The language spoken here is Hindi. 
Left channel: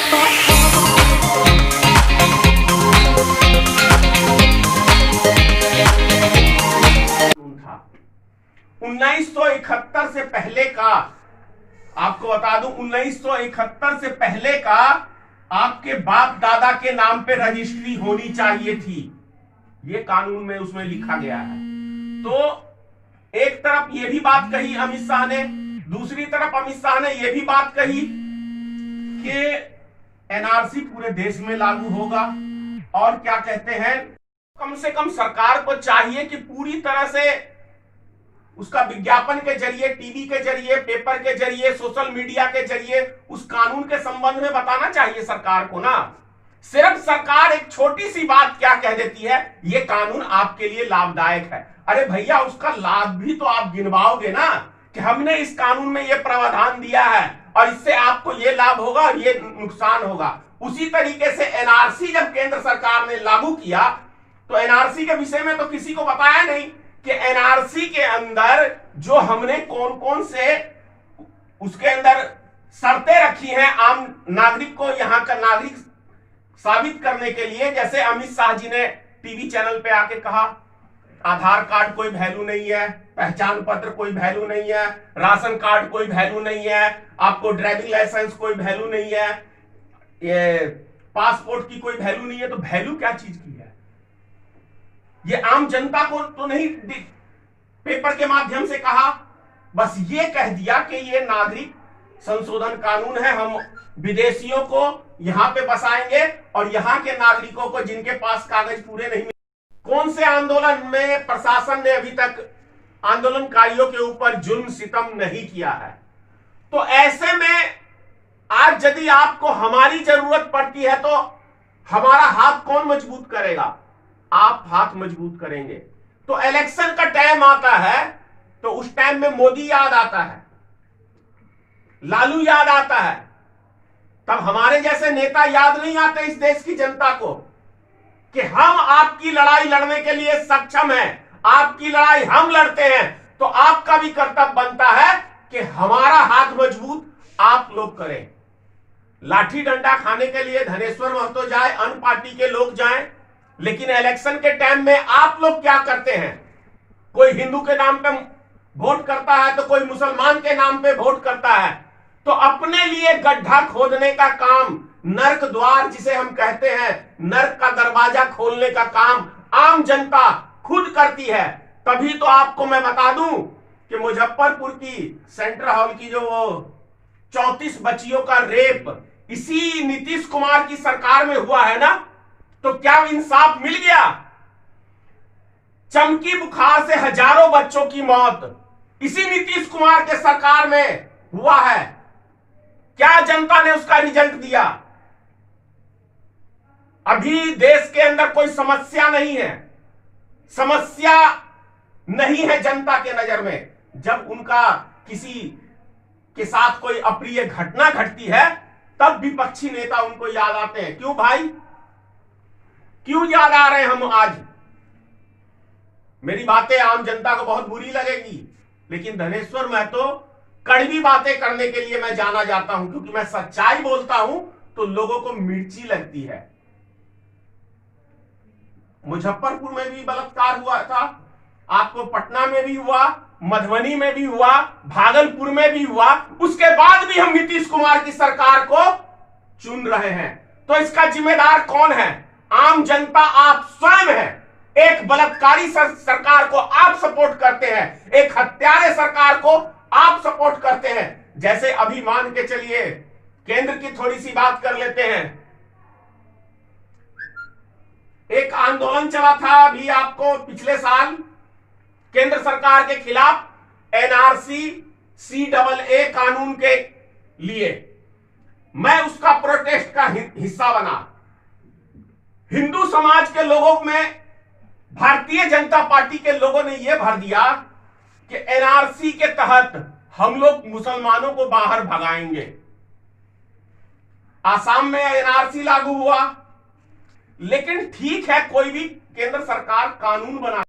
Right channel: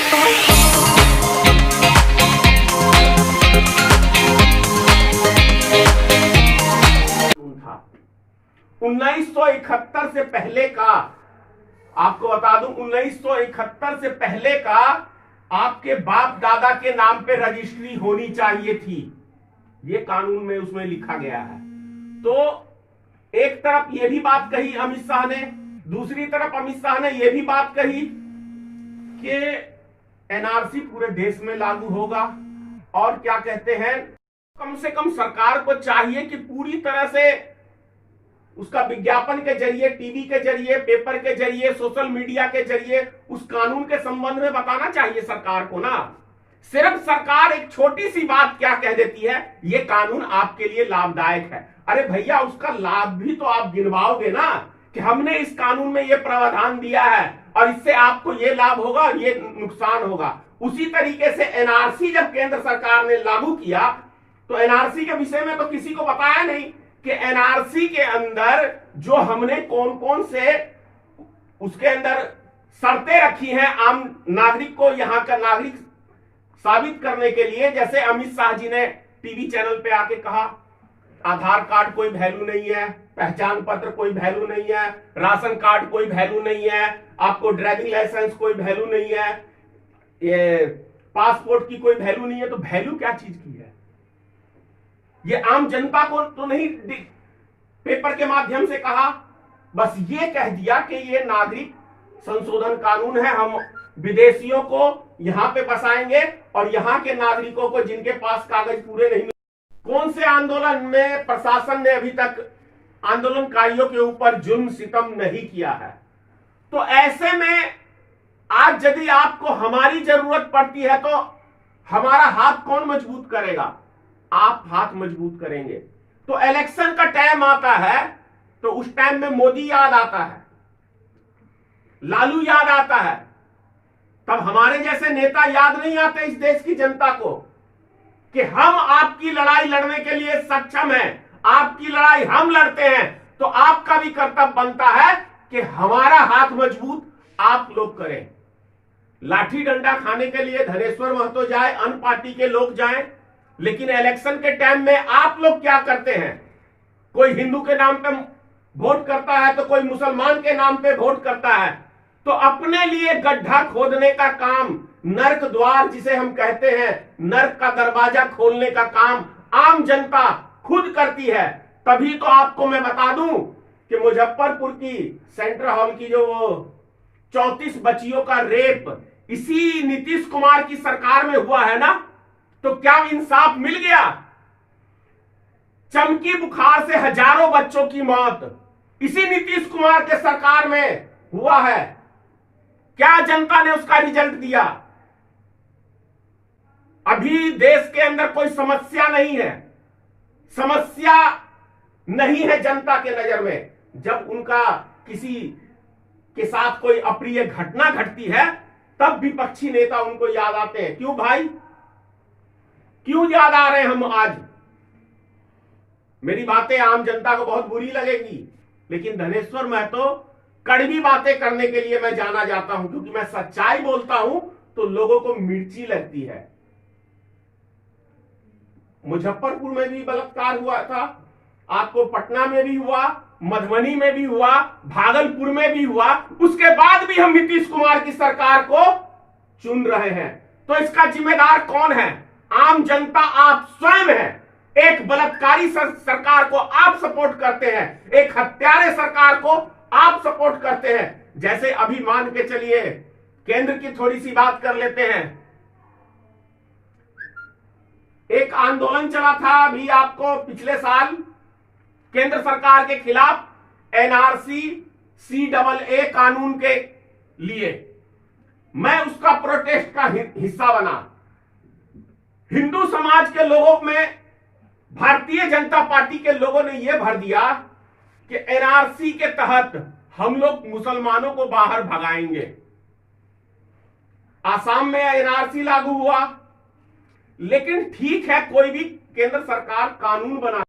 था 1971 से पहले का, आपको बता दूं 1971 से पहले का आपके बाप दादा के नाम पे रजिस्ट्री होनी चाहिए थी, ये कानून में उसमें लिखा गया है। तो एक तरफ ये भी बात कही अमित शाह ने, दूसरी तरफ अमित शाह ने ये भी बात कही कि एनआरसी पूरे देश में लागू होगा। और क्या कहते हैं, कम से कम सरकार को चाहिए कि पूरी तरह से उसका विज्ञापन के जरिए, टीवी के जरिए, पेपर के जरिए, सोशल मीडिया के जरिए उस कानून के संबंध में बताना चाहिए सरकार को ना। सिर्फ सरकार एक छोटी सी बात क्या कह देती है, ये कानून आपके लिए लाभदायक है। अरे भैया, उसका लाभ भी तो आप गिनवाओगे ना कि हमने इस कानून में ये प्रावधान दिया है और इससे आपको ये लाभ होगा और ये नुकसान होगा। उसी तरीके से एनआरसी जब केंद्र सरकार ने लागू किया तो एनआरसी के विषय में तो किसी को बताया नहीं कि एनआरसी के अंदर जो हमने कौन कौन से उसके अंदर शर्तें रखी हैं आम नागरिक को यहां का नागरिक साबित करने के लिए। जैसे अमित शाह जी ने टीवी चैनल पे आके कहा, आधार कार्ड कोई वैल्यू नहीं है, पहचान पत्र कोई वैल्यू नहीं है, राशन कार्ड कोई वैल्यू नहीं है, आपको ड्राइविंग लाइसेंस कोई वैल्यू नहीं है, ये पासपोर्ट की कोई वैल्यू नहीं है। तो वैल्यू क्या चीज की है, ये आम जनता को तो नहीं पेपर के माध्यम से कहा, बस ये कह दिया कि ये नागरिक संशोधन कानून है, हम विदेशियों को यहां पे बसाएंगे और यहां के नागरिकों को जिनके पास कागज पूरे नहीं। कौन से आंदोलन में प्रशासन ने अभी तक आंदोलनकारियों के ऊपर जुल्म सितम नहीं किया है? तो ऐसे में आज यदि आपको हमारी जरूरत पड़ती है तो हमारा हाथ कौन मजबूत करेगा? आप हाथ मजबूत करेंगे। तो इलेक्शन का टाइम आता है तो उस टाइम में मोदी याद आता है, लालू याद आता है, तब हमारे जैसे नेता याद नहीं आते इस देश की जनता को कि हम आपकी लड़ाई लड़ने के लिए सक्षम हैं, आपकी लड़ाई हम लड़ते हैं। तो आपका भी कर्तव्य बनता है कि हमारा हाथ मजबूत आप लोग करें। लाठी डंडा खाने के लिए धनेश्वर महतो जाए, अन्य पार्टी के लोग जाएं, लेकिन इलेक्शन के टाइम में आप लोग क्या करते हैं? कोई हिंदू के नाम पे वोट करता है तो कोई मुसलमान के नाम पे वोट करता है। तो अपने लिए गड्ढा खोदने का काम, नर्क द्वार जिसे हम कहते हैं, नर्क का दरवाजा खोलने का काम आम जनता खुद करती है। तभी तो आपको मैं बता दूं कि मुजफ्फरपुर की सेंट्रल हॉल की जो वो 34 बच्चियों का रेप इसी नीतीश कुमार की सरकार में हुआ है ना, तो क्या इंसाफ मिल गया? चमकी बुखार से हजारों बच्चों की मौत इसी नीतीश कुमार के सरकार में हुआ है। क्या जनता ने उसका रिजल्ट दिया? अभी देश के अंदर कोई समस्या नहीं है, समस्या नहीं है जनता के नजर में। जब उनका किसी के साथ कोई अप्रिय घटना घटती है तब विपक्षी नेता उनको याद आते हैं। क्यों भाई, क्यों याद आ रहे हैं हम आज? मेरी बातें आम जनता को बहुत बुरी लगेगी, लेकिन धनेश्वर महतो कड़वी बातें करने के लिए मैं जाना जाता हूं, क्योंकि मैं सच्चाई बोलता हूं तो लोगों को मिर्ची लगती है। मुजफ्फरपुर में भी बलात्कार हुआ था, आपको पटना में भी हुआ, मधुबनी में भी हुआ, भागलपुर में भी हुआ, उसके बाद भी हम नीतीश कुमार की सरकार को चुन रहे हैं। तो इसका जिम्मेदार कौन है? आम जनता, आप स्वयं हैं। एक बलात्कारी सरकार को आप सपोर्ट करते हैं, एक हत्यारे सरकार को आप सपोर्ट करते हैं। जैसे अभी मान के चलिए, केंद्र की थोड़ी सी बात कर लेते हैं। एक आंदोलन चला था अभी आपको पिछले साल केंद्र सरकार के खिलाफ, एनआरसी CAA कानून के लिए। मैं उसका प्रोटेस्ट का हिस्सा बना। हिंदू समाज के लोगों में भारतीय जनता पार्टी के लोगों ने यह भर दिया कि एनआरसी के तहत हम लोग मुसलमानों को बाहर भगाएंगे। आसाम में एनआरसी लागू हुआ, लेकिन ठीक है, कोई भी केंद्र सरकार कानून बना